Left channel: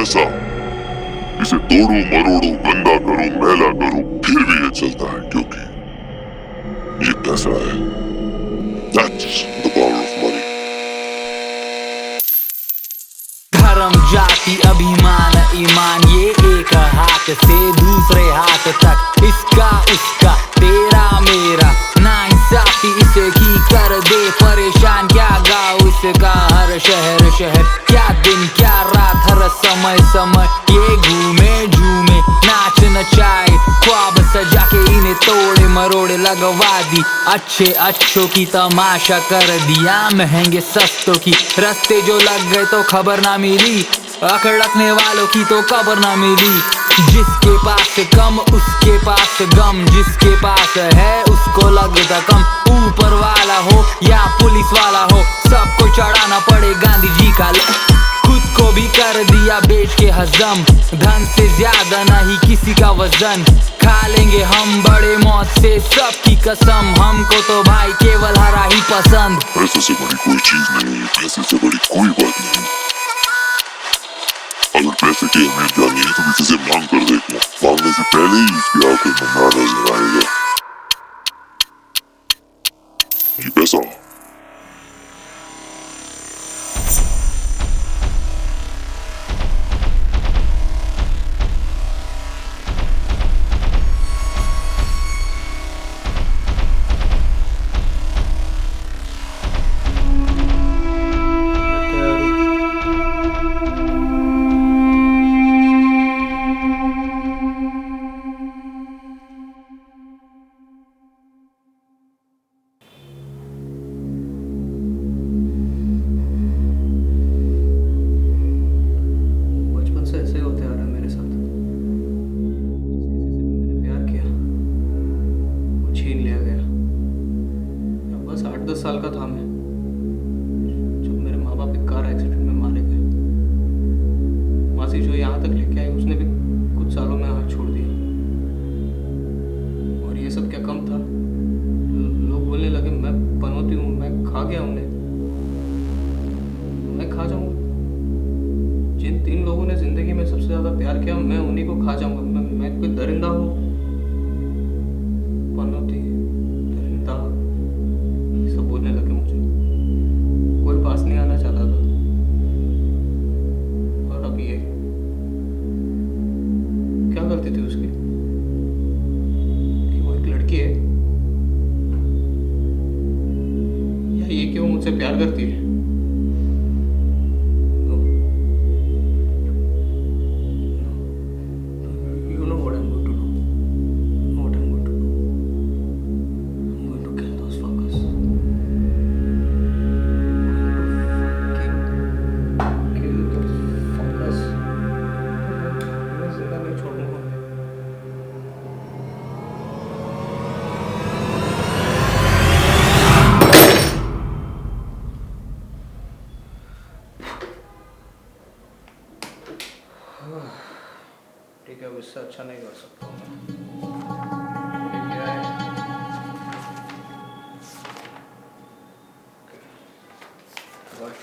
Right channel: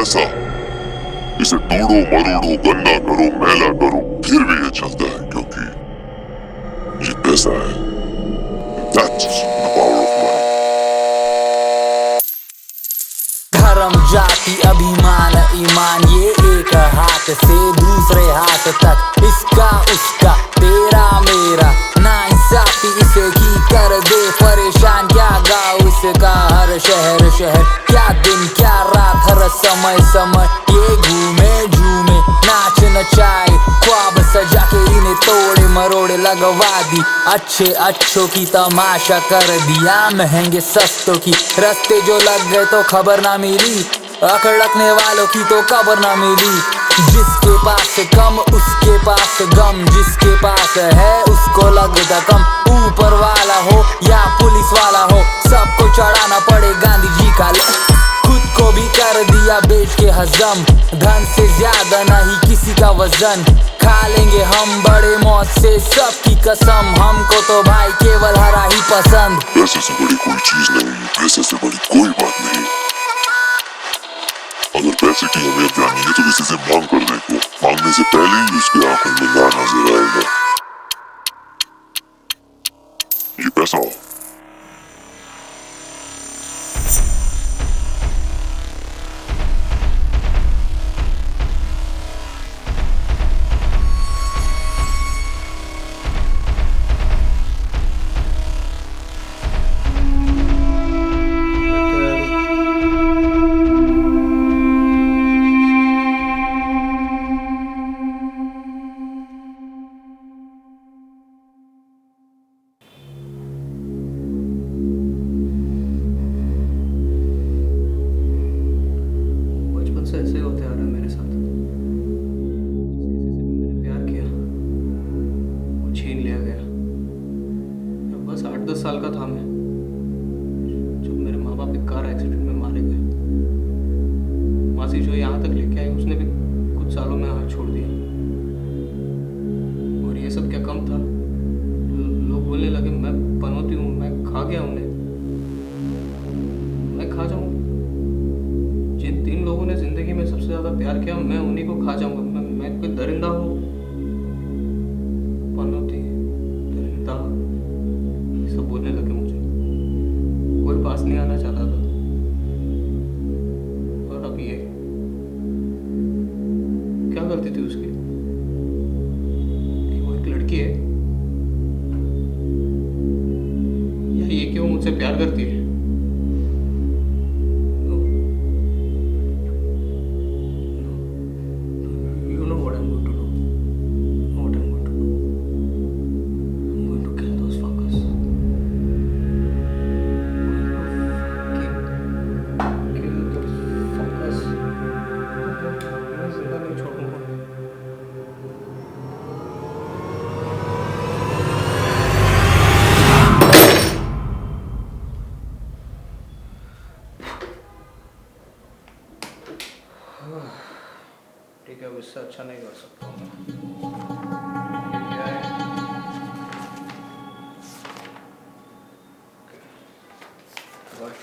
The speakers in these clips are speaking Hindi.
पैसा, इसे तोड़ो मरोड़ो, गंदा करो, मैला करो, फिर भी ये चलता है क्योंकि ये पैसा है। That's the power of money. धर्म, जाति, अभिमान, ईमान, ये एक हाथ से दूसरे हाथ तक, इसका उसका, तेरा मेरा, नाइंसाफी इसे की कर दे परेशान। क्या गाँव इसका, हर शहर शहर, क्या दिन क्या रात, हर समय समय ये घूमे झूमे, नाच नचाए, ख्वाब सजा के इन्हें तोड़े मरोड़े लगवा दी। अच्छे अच्छों की तमाशा कर दिया, महंगे सस्तों की रास्ते जो लग गए तो खबर ना मिली, अकड़कने वालों की तो खबर ना मिली। जिसके पास कम उसके पास गम, जिसके पास है उसको लगता कम। ऊपर वाला हो या पुलिस वाला हो, सबको चढ़ाना पड़े गांधी जी का। खुद को भी कर दिया बेच के हजम, धन से ज्यादा नहीं किसी का वजन। खा लेंगे हम बड़े मौत से सबकी कसम, हमको तो भाई केवल हरा ही पसंद। पैसे से बड़ी कोई चीज नहीं, पैसे से बड़ी कोई बात नहीं। अगर पैसे की अहमियत जाननी है तो किसी से मांग कर देखो, मांगने से पहले ही उसकी आंखों में ना नजर आएगा। ये पैसा से ऐसे होते आ रहा है मेरे साथ। जिस किसी से भी मैंने प्यार किया वो छीन लिया गया। अब बस 8-10 साल का था मैं जब मेरे माँ बाप एक कार एक्सीडेंट में मारे गए। मासी जो यहाँ तक लेके आई उसने भी कुछ सालों में हाथ छोड़ दिया। और ये सब क्या कम था, लोग बोलने लगे मैं पनौती हूँ, मैं खा गया उन्हें, मैं खा जाऊँगा। जिन 3 लोगों ने जिंदगी में सबसे ज्यादा प्यार किया मैं उन्हीं को खा जाऊंगा। मैं कोई दरिंदा हूँ, पनौती, दरिंदा, सब बोलने लगे मुझे। कोई पास नहीं आना चाहता था। और अब ये क्या गलती थी उसकी कि वो एक लड़की है, या ये कि वो मुझसे प्यार करती है। ठीक है, अब इससे अच्छा नहीं कर सकता हूँ मैं। ये क्या है? बट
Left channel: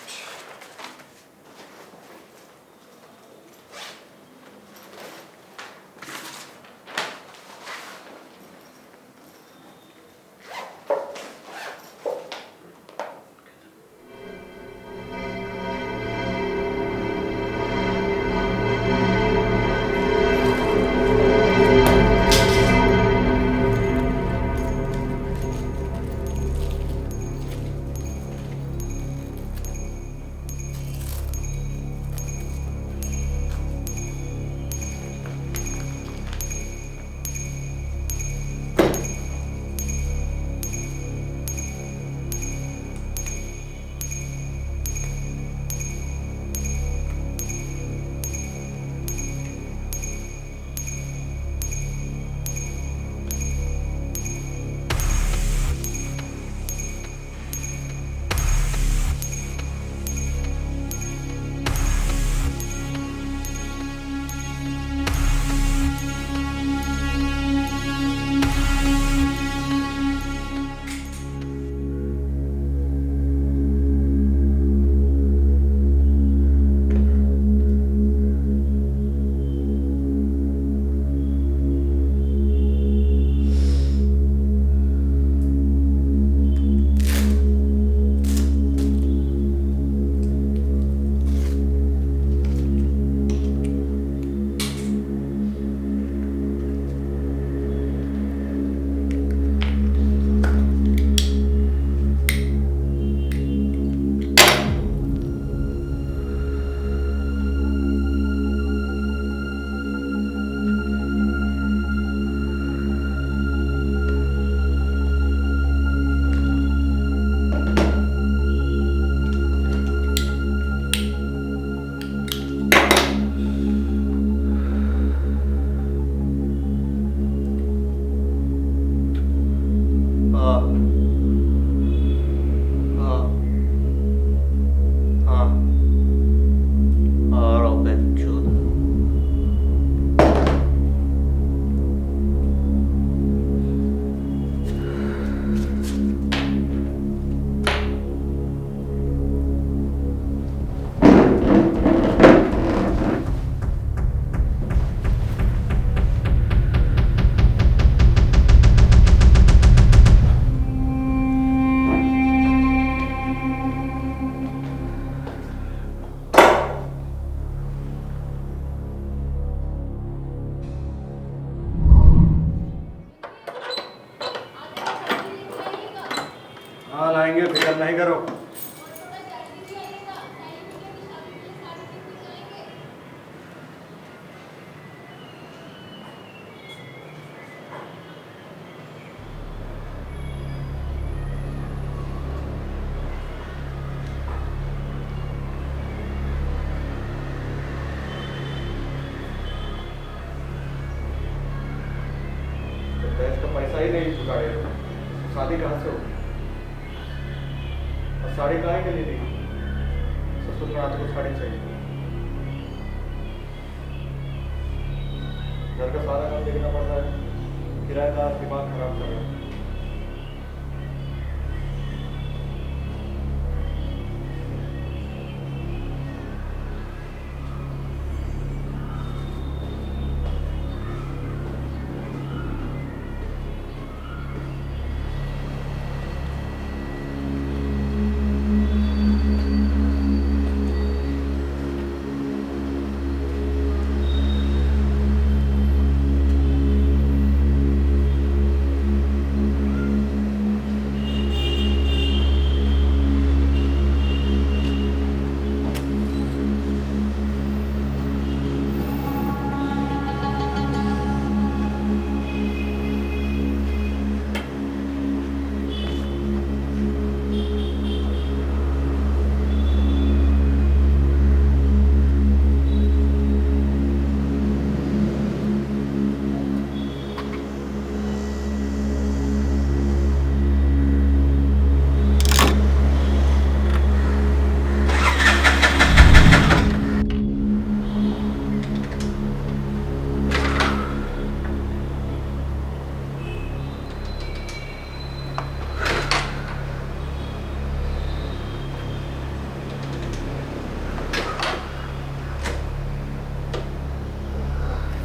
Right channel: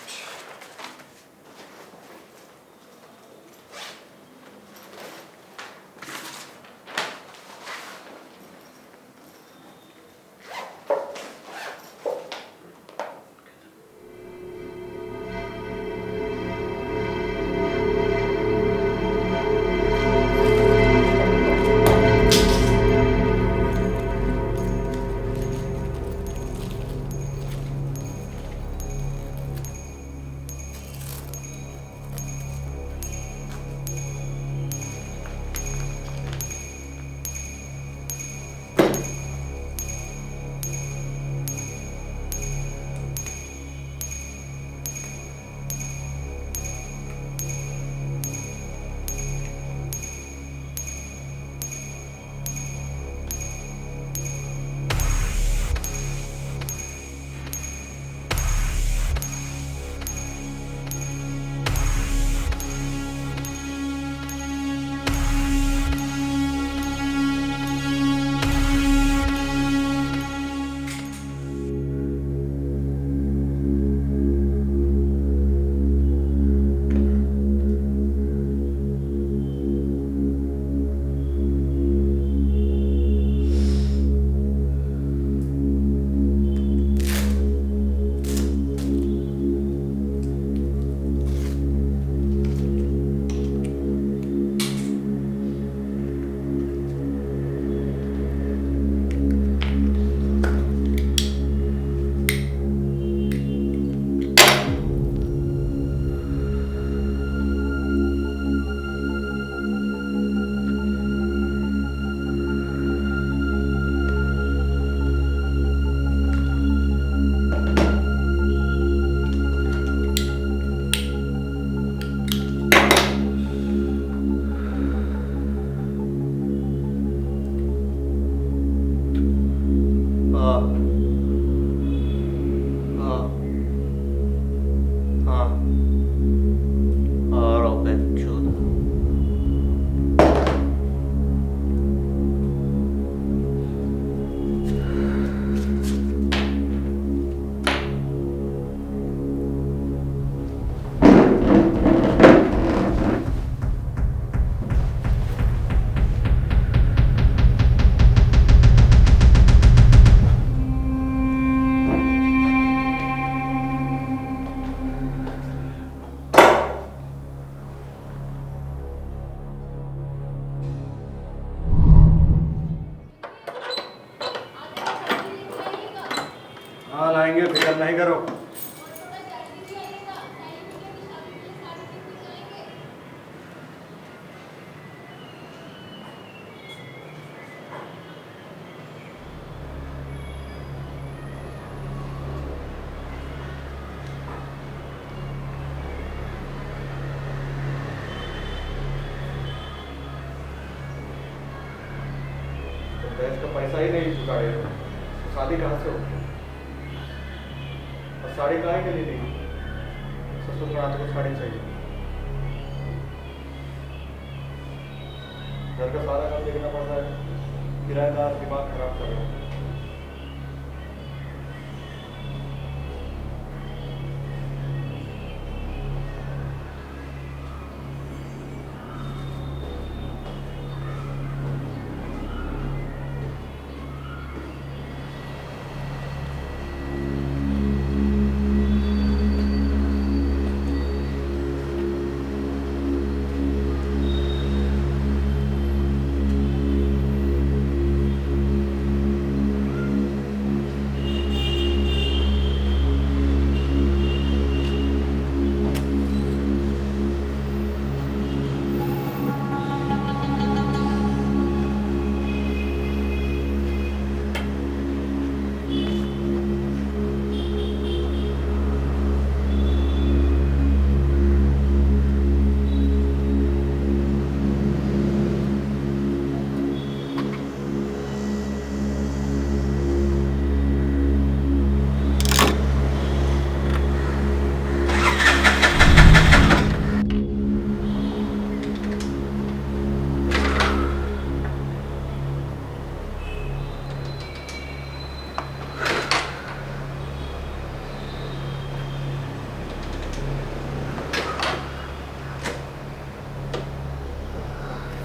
हाँ हाँ हाँ आ रहा हूँ बहनचोद। हाँ लाएंगे, फिक्र नहीं करो। तो दहेज का पैसा ही नहीं जुगाड़े तो शादी कहाँ से होगी? और साड़ी काहे के लिए दी? ससुर का हाथ को साड़ी चाहिए। घर का सारा काम देखना पड़ रहा है, किराएदार दिमाग खराब कर रहा है।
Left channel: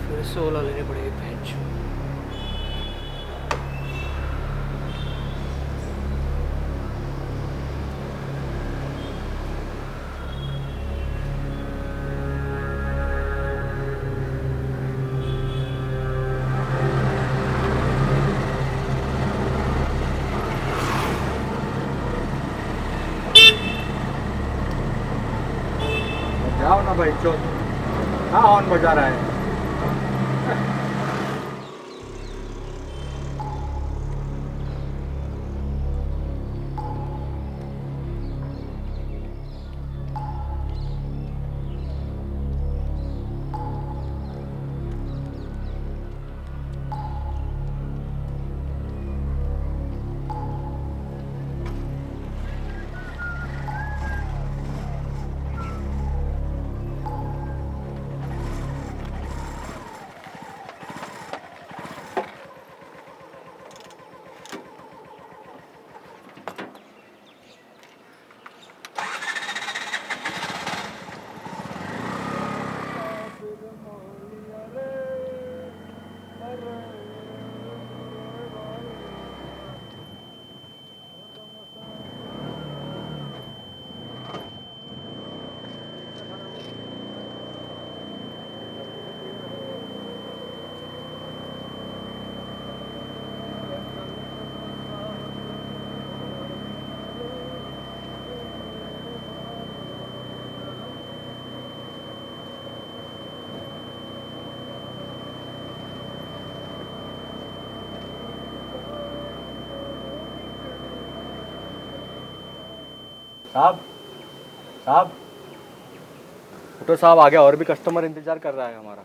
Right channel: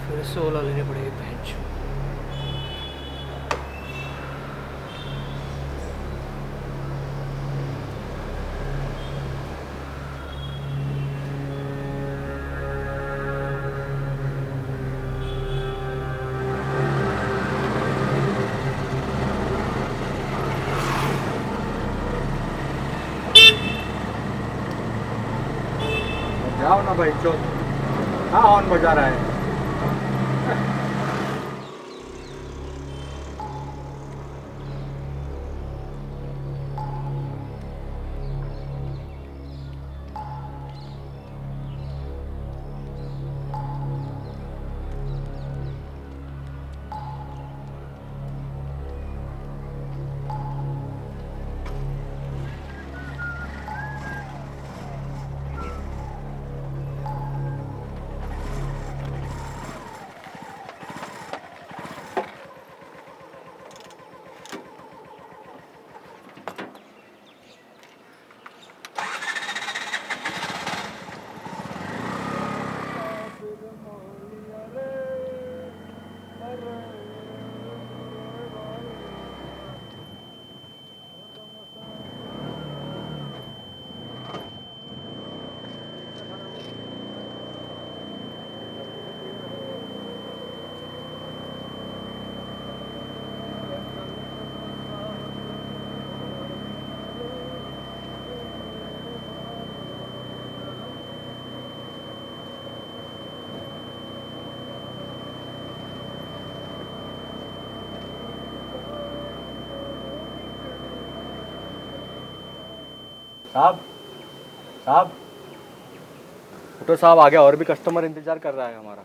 फिर से ओला लेनी पड़ेगी बहनचोद। जाओ ना भाई चो, हाँ हॉर्न बजा रहा है। साहब साहब उठो साहब, आ गया, और भी कस्टमर इंतजार कर रहा है हमारा।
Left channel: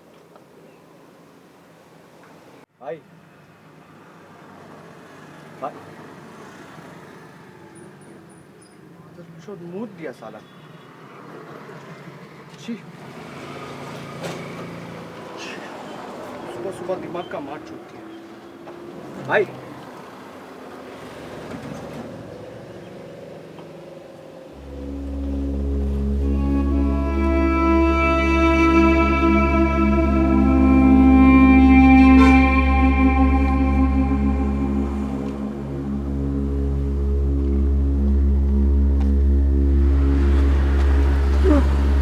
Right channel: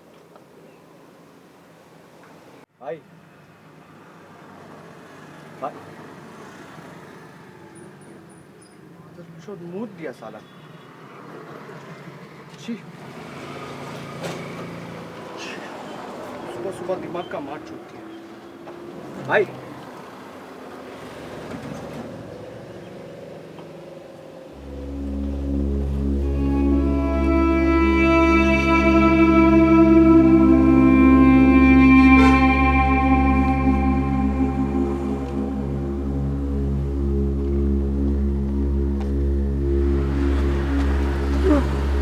भाई भाई चोद मूत दिया साला। छी, सुबह सुबह दिमाग का मार छूट दिया भाई।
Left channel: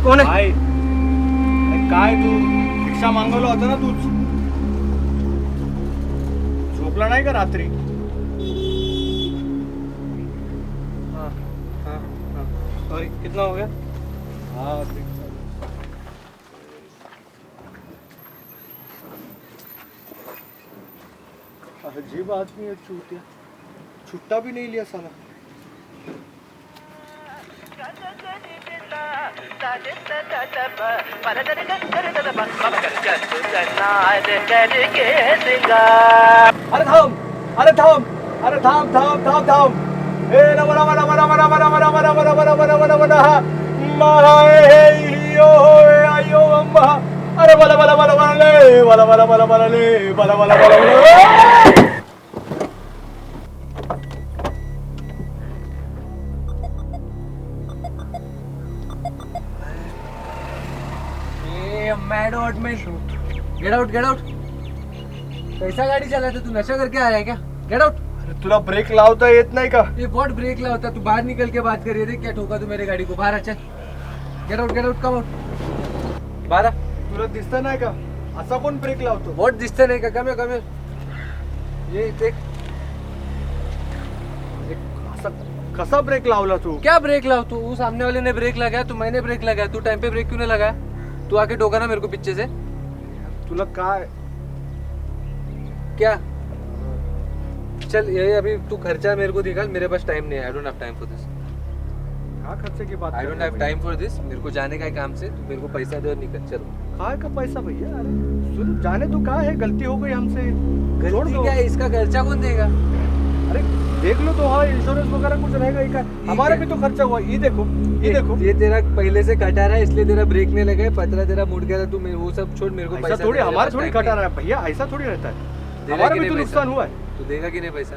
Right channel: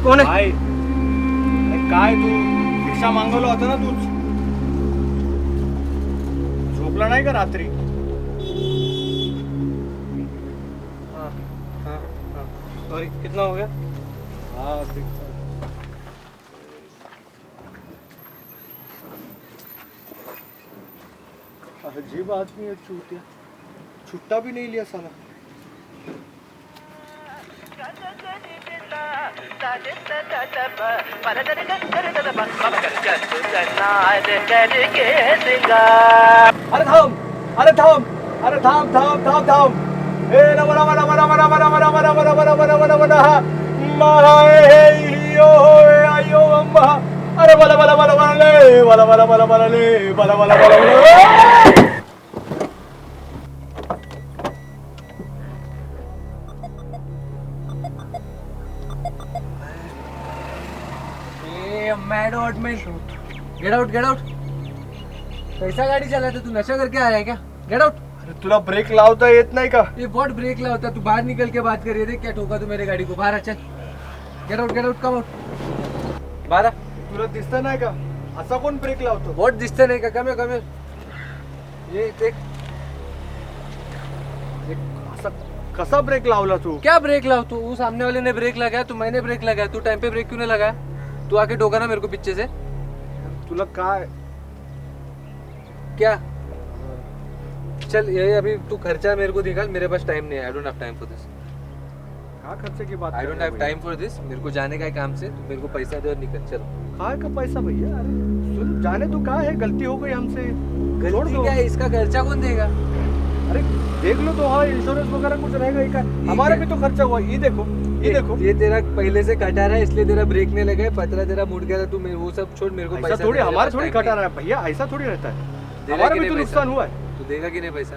कोण आहे? भाई अरे काय तू भिक्षा मागवलं होतं ना तूच, झोपला नाही का रात्री? हाँ हाँ हाँ सॉरी, कितना हो गया? हाँ अजीब आदमी है चूतिया, छुट्टा भी नहीं लिया साला। अरे थांब, अरे थांब, अरे थांब थांब थांब थांब। ए नम नम नम नम नम नम नम नम नम नम नम नम नम महायो आयो अम्मा। अरे बला बला बला बला ले, बला बला बला बला ले, बला बला बला बला। मैड आउट में गेट आउट गेट आउट। कैसा गाड़ी चलाता तू? नशा करके आया है क्या? Get out. अरे तुला ब्रेक लावता येत नाही का? ये व्हाट ब्रेक लावता? तू बाहर निकल के बात कर रही थी क्या? ठोका तू मेरे गाड़ी को? बाहर आ, चल। Get out come out. बाहर आ। तुला दिसत नाही का असा कोण ब्रेक लावतो? व्हाट दिसतं नाही का? कम here. ये देख, असा कसा ब्रेक लावला तू? क्या ब्रेक लाव तू? वो सामने वाले ने ब्रेक लगाया, तू मैंने ब्रेक लगाया। तू टाइम पे ब्रेक क्यों नहीं लगाया? तू आके ठोका ना मेरे को पीछे से। तुला काय? क्या? चल ये अभी तू खर्चा मेरे को निकाल, मेरे पास टाइम नहीं है। आई don't have time for this. क्या खर्चे की बात? आई don't have time for this. मेरे को जाने का है काम से, तू मेरे को पैसा दे और निकल। चलो। काय का पैसा भैया? अरे सुन, जाने तो क्या है, गलती हो गई हमसे, छोड़ गलती दो। क्या है? इसका खर्चा कौन देगा? अरे देख लो तो, हाँ इंश्योरेंस वगैरह कुछ रहेगा ही का? हमारा भी तो खर्चा हुआ। ये देखो, ये देखो। ये तेरा पहले से कटा रहा है, इसलिए तेरा ब्रेक नहीं लगा है। पतरा तेरा मुड़ गया था, तू वो सब छोड़, मेरे को ऐसा पैसा थोड़ी, दे, मेरे हमारा पास थोड़ी time कटा नहीं रहा है भैया, ऐसा थोड़ी रहता है। है। देगा हमारा कि भी नहीं तो पैसा? नुकसान हुआ है। तू देगा कि नहीं पैसा?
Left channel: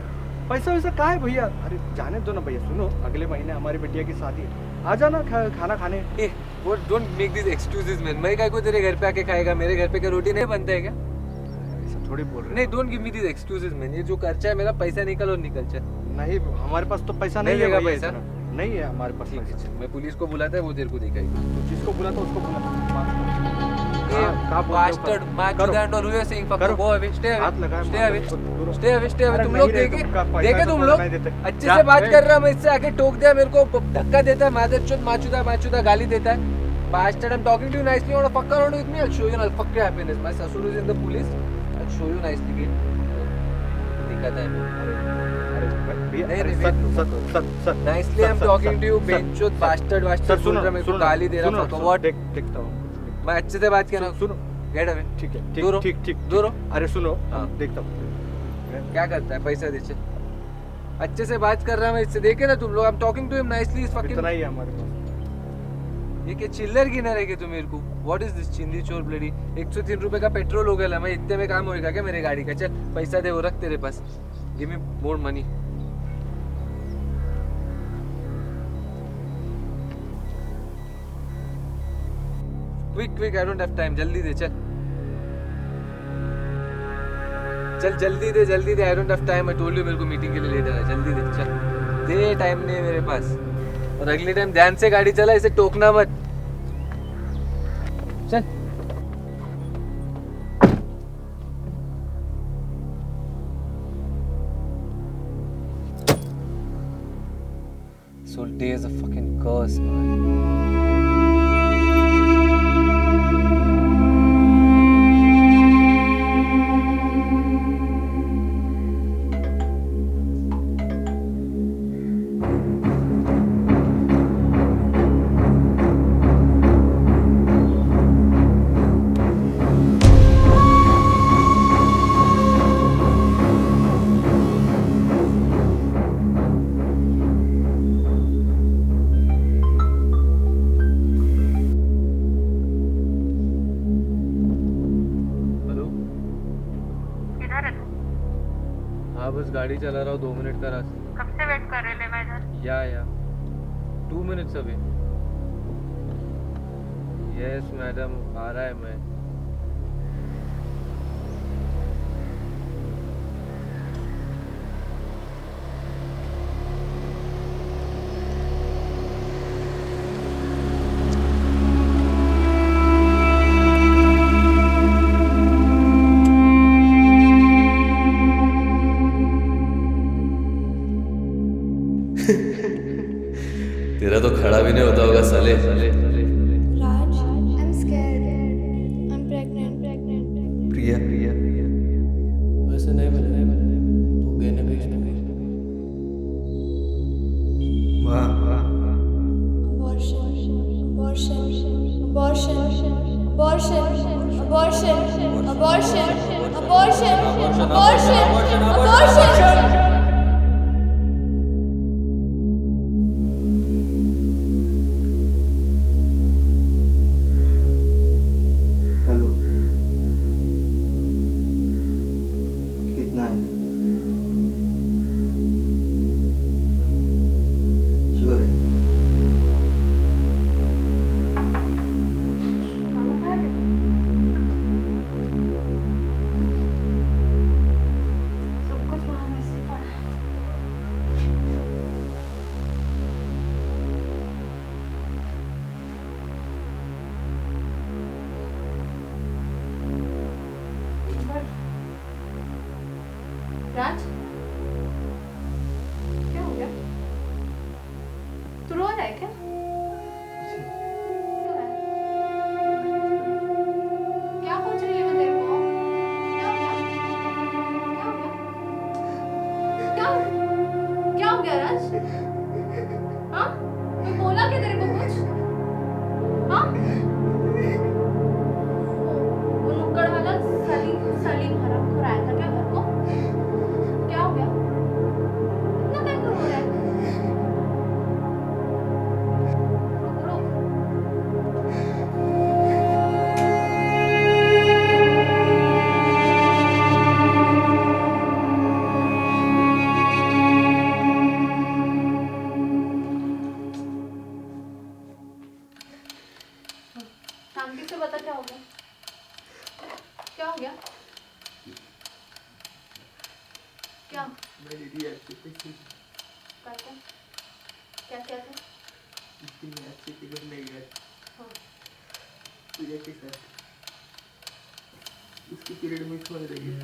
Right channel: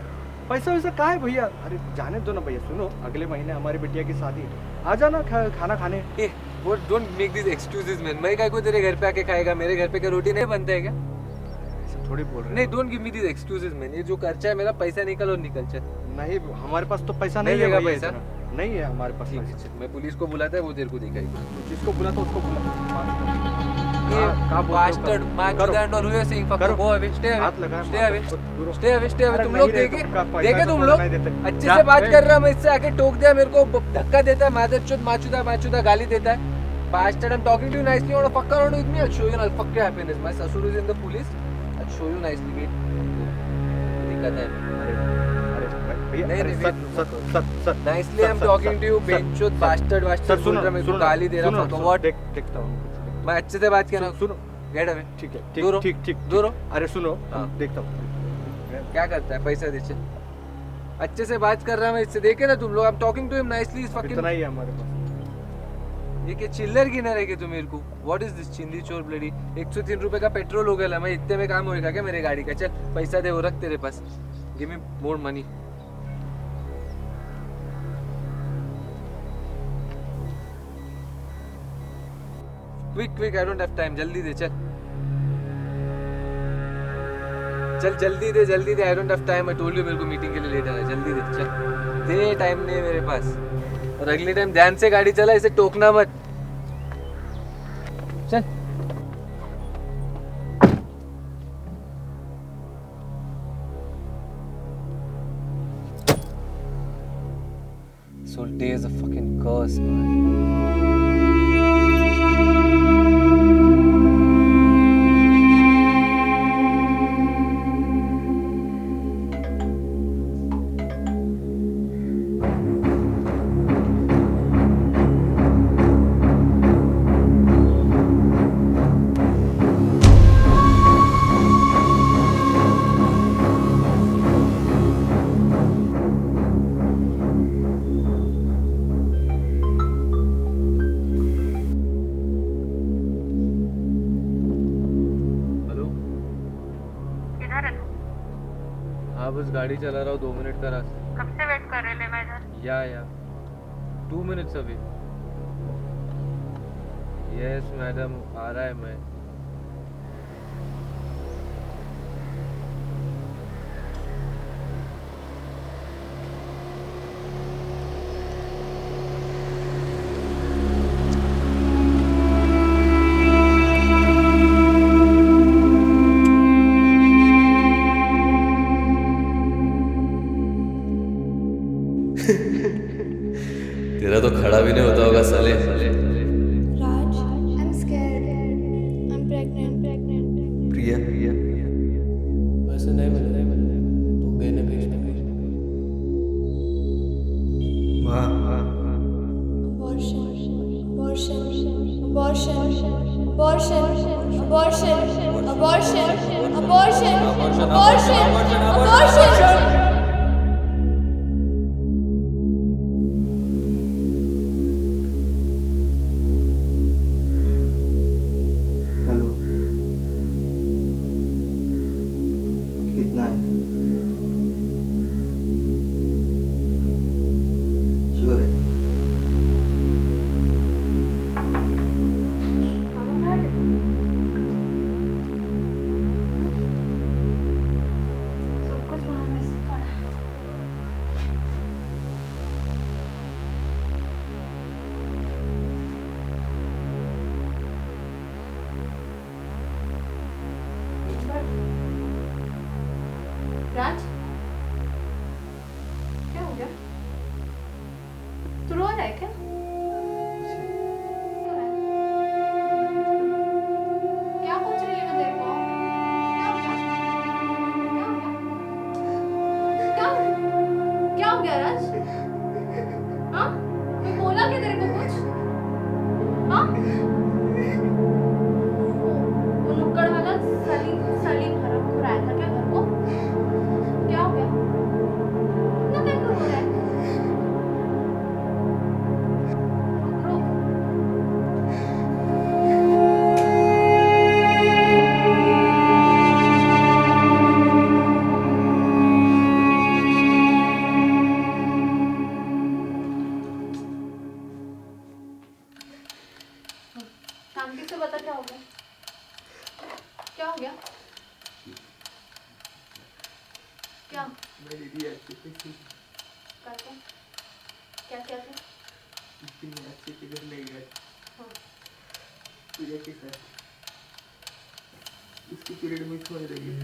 पैसा वैसा का है भैया? अरे जाने दो ना भैया। सुनो, अगले महीने हमारी बिटिया की शादी है, आ जाना खाना खाने। ए वो don't make this excuses man. मैं काय को तेरे घर पे आके खाएगा? मेरे घर पे क्या रोटी नहीं बनता है क्या? ऐसा थोड़ी बोल रहे नहीं, don't give me this excuses man. ये जो खर्चा है मेरा, पैसा निकल और निकल। चल। नहीं, हमारे पास तो पैसा नहीं नहीं है देगा भैया, पैसा? इतना। नहीं है हमारे पास ठीक है, पैसा। चल। मैं पुलिस को बुलाता है, वो तेरे को दिखाएगी। तो जिसको बुला तो उसको बुला। ये का बोलते हो? bastard, करो। match करो। that or who is saying fuck करो। go away, stay away, हाथ लगाया, stay मार away, दो, दूर हो। stay away, stay away। अरे तुम नहीं लोग रे, देखे तुमका पैसा देखे तो तुम थोड़ा लोग नहीं देते। अच्छे जा, से बात ए। कर रहा, मैं इससे आके टोक दिया, मेरे को धक्का देता है, मादर चोद माचुदा गाली देता है। Bastard, I'm talking to you nicely. You want to fuck around with me? I'll show you. I'll fuck your happiness. My ससुर is in the police. I'll show you nicely. Wait. दिक्कत है। अरे भैया, नहीं, अरे नहीं, सर, wait, सर, रुको। Sir, sir, Nicely sir, I'm sir, talking sir, to you, sir, बेंचोद सर, bastard सर, बोल रहा, मेरे को गाली दे रहा, fuck what? देखता हूँ, कुछ मैं अच्छे से बात किया ना। सुनो, Get away. ठीक है, दूर हो, ठीक ठीक ठीक दूर हो। अरे सुनो, हाँ। देखता हूँ। क्या करता है? पैसा दे। चल। अच्छे से बात कर रहा मैं इससे, देखे ना तुम लोग। I'm talking to him nicely. Is fucking इतना ही है हमारे पास। ये क्या चिल्लर गिना रहे तुम मेरे को? व्हाट इज दिस चिंदी चोर ब्लडी? 103 रुपए का पेट्रोल हो गया। मैं इतने में काम होएगा क्या मेरे गाड़ी का? चल पैसा दे, वो रख तेरे पास। Give me more money. Quick I don't have time. जल्दी दे। चल चल जल्दी दे। I don't have time. I told you मेरे को मीटिंग के लिए लेट आना है। जल्दी दे। चल दे, टाइम नहीं है मेरे पास। और अगले टाइम ध्यान से गाड़ी चला, इसे टोकना मत। चल। So day is a fucking curse, man. हाँ बस गाड़ी चला रहा हूँ, 2 मिनट का रास्ता। कब से वेट कर रहे ले मैं इधर? या 2 मिनट्स अभी। यस मैडम, आ रहा है मैं। तेरा तो खड़ा भी नहीं होता होगा साले। Raj, I'm scared. I'm pregnant. प्रिया, वैसे नहीं मिले तो गहने भेज दूंगी। माँ, Abortion. Abortion. Abortion. Abortion. Abortion. Abortion. Abortion. Abortion. Abortion. Hello, कितना है? श्योर है? सब कुछ वहाँ में से पड़ा है। एक बार राज, क्या हो गया? तू रो रहा है क्या? रो रहा है? क्या पूछ रही है मैं तेरे को? क्या हो गया? क्या हो गया? क्या हो गया राज? हाँ? मैं बोला क्या तेरे को कुछ? हाँ? वो नुक्कड़ वाला सलीम हरामखोर आया था क्या घर को? क्या हो गया? इतना क्या रो रहा है? रुक रुक। शांति से बता क्या हो गया? क्या हो गया? क्या? मैंने दिया अच्छे पैसे, कर को? क्या क्या था? लेकिन मैं अच्छे से घर नहीं गया। हाँ। पूजा के साथ उसकी पीरियड मिस हो रही है।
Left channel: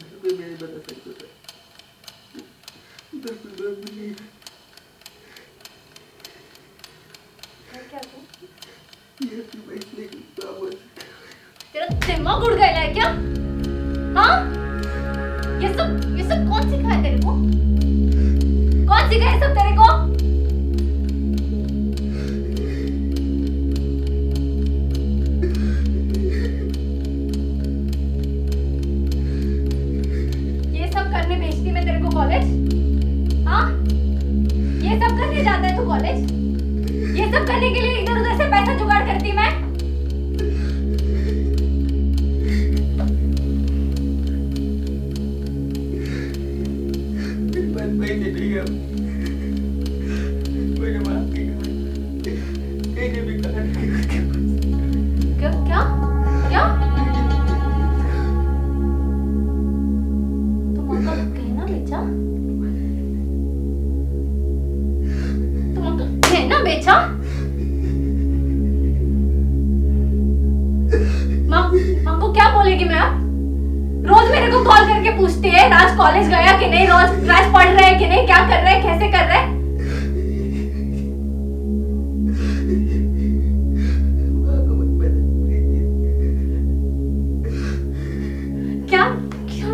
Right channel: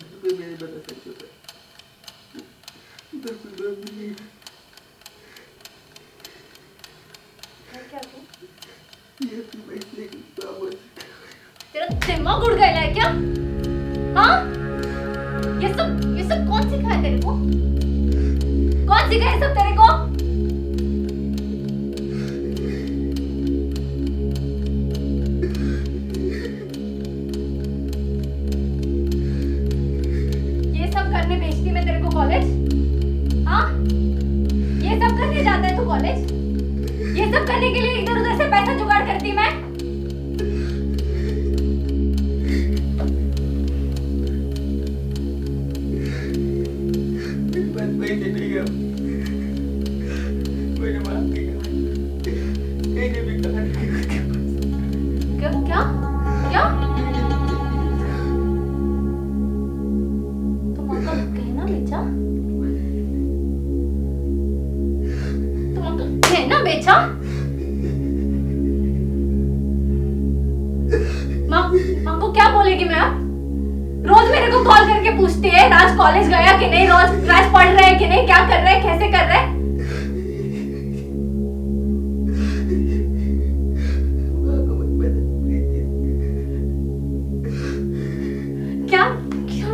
घर पे मैंने बता सकता था, उधर कोई बात नहीं है। क्या तू? ये अपनी बैठने की बाबा तेरा दिमाग उड़ गया है क्या? हाँ? ये सब कौन सिखाया तेरे को? कौन सिखाया सब तेरे को? ये सब करने भेजती मैं तेरे को कॉलेज? हाँ? ये सब करने जाता है तू कॉलेज? ये सब करने के लिए इधर उधर से पैसा जुगाड़ करती मैं? बस पैसे नहीं है। मैंने माफ की कहा, मैंने भी कहा क्या क्या क्या? तुम अंकल कहना बेचा? तुम अंकल कहना बेचा? माँ को क्या बोलेगी मैं अब? रोज मेरे को कॉल करके पूछती है राज कॉलेज गया कि नहीं, रोज राज पढ़ रहा है कि नहीं, क्या कर रहा है, कैसे कर रहा है? क्या क्या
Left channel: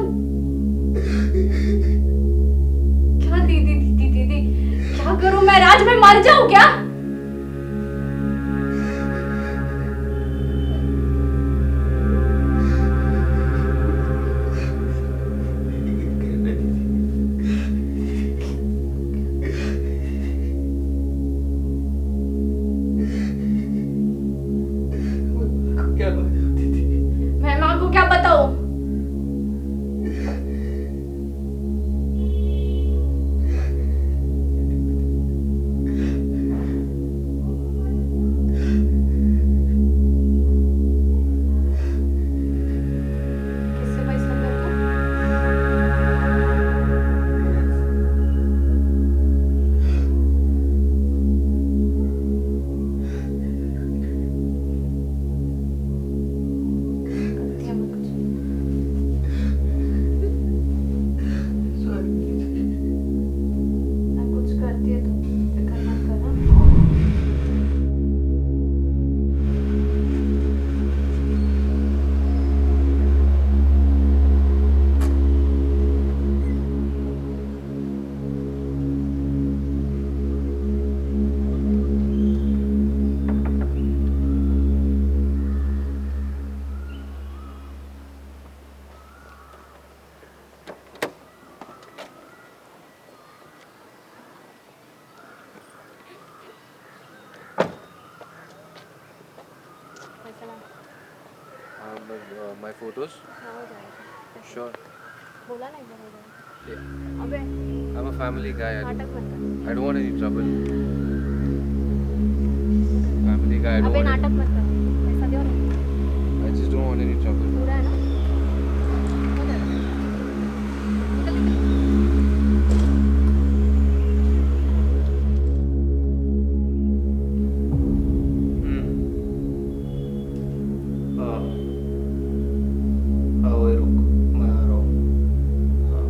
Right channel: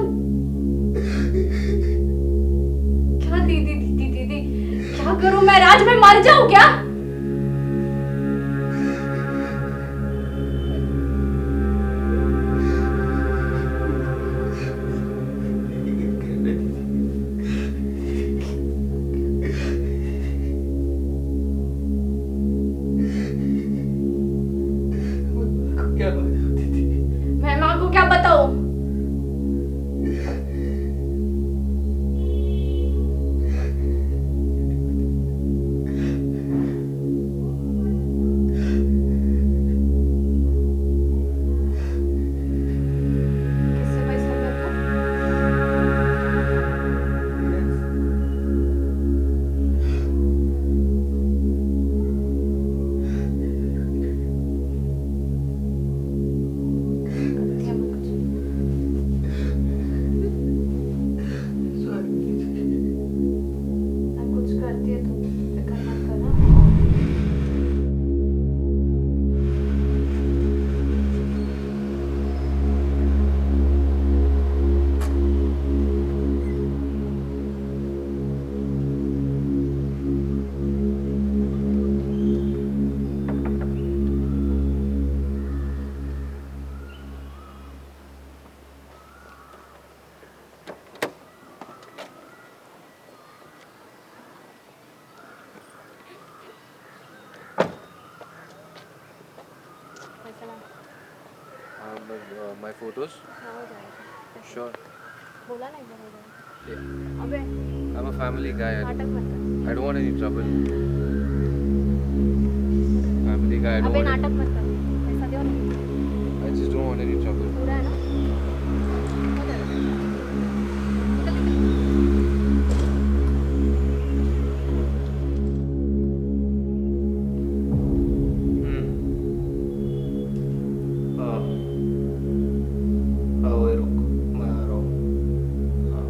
क्या दीदी क्या करूं मैं राज? में मर जाऊं क्या? my photos? हाँ हो जाएगा. Sure. बोला ना एक बार हो जाएगा. Yeah. अबे I'm a family guy. नाटक मत कर. I don't want any trouble. Family guy. I don't अबे want नाटक मत कर. पैसा दो ना. I just don't want any trouble. पूरा है ना? हो जाएगा. निकल निकल. हाँ हाँ वही रुक मैं आ रहा हूँ. हाँ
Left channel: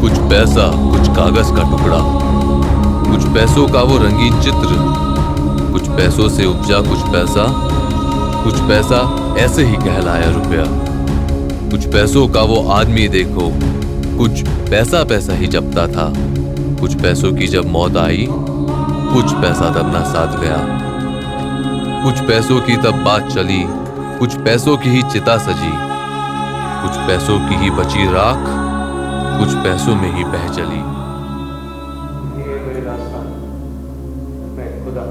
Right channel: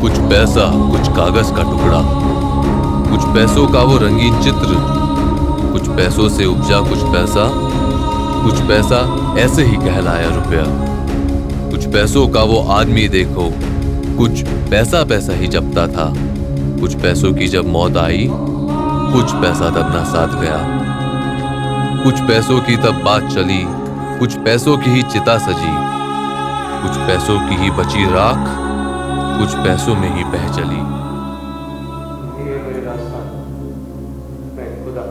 कुछ पैसा, कुछ कागज का टुकड़ा, कुछ पैसों का वो रंगीन चित्र, कुछ पैसों से उपजा कुछ पैसा ऐसे ही कहलाया रुपया। कुछ पैसों का वो आदमी देखो, कुछ पैसा पैसा ही जपता था। कुछ पैसों की जब मौत आई, कुछ पैसा तब ना साथ गया। कुछ पैसों की तब बात चली, कुछ पैसों की ही चिता सजी, कुछ पैसों की ही बची राख, कुछ पैसों में ही बह चली। ये मेरा रास्ता. मैं खुदा.